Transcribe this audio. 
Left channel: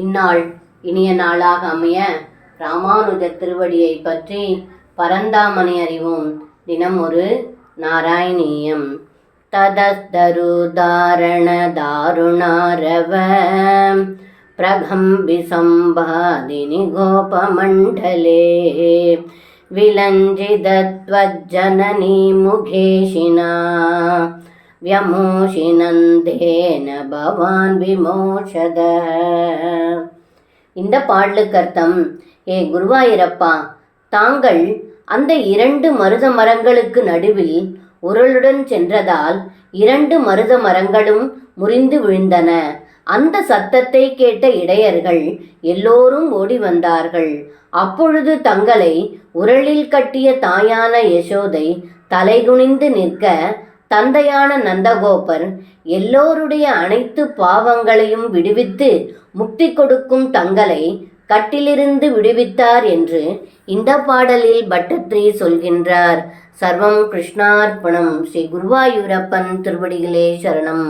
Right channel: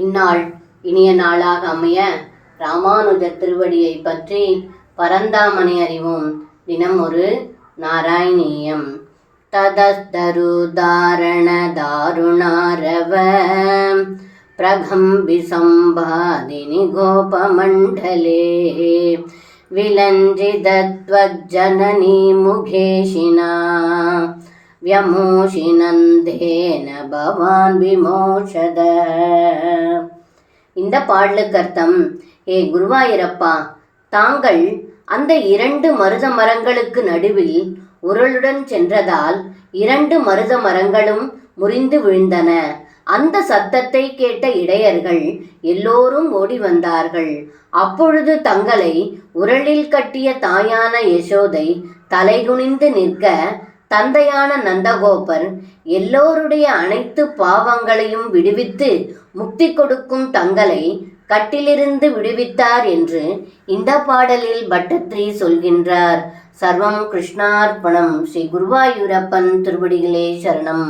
இந்நாள் இனிய நாளாக அமைய ராமானுஜர் திருவடியை பற்றி பரந்தாமணி அறிவோம். தினம் ஒரு நாராயணீயம். ததஸ்தருதாரண தாருணாரவ பிரகம்பி சம்பாதினி கோபமண்டலே விலஞ்சிதத்வஜ்ஜனனி முகேஷினா வியமோஷினந்தேன பவான் விமோஷத. இந்த பாடலுக்கு அர்த்தம், ஏ குருவாயூரப்பா, தாங்கள் அந்த 2 மருத மரங்களுக்கு நடுவில் உரலுடன் சென்றதால் 2 மருத மரங்களும் முறிந்து விழுந்தன. அந்த சத்தத்தை கேட்ட இடையர்கள் எல்லோரும் ஓடி வந்தார்கள். அப்பொழுது தங்களை உரலில் கட்டிய தாயான யசோதை தலைகுனிந்து நிற்க, தந்தையான நந்தகோபர் எல்லோருடைய அனைத்து பாவங்களையும் விடுவித்து முக்தி கொடுக்கும் தங்களை கட்டிலிருந்து விடுவித்தார் என்று இந்த பாடலில் பட்டத்ரி சொல்கின்றார். சர்வம் கிருஷ்ணார்ப்பணம். ஸ்ரீ குருவாயூரப்பன் திருவடிகளே சரணம்.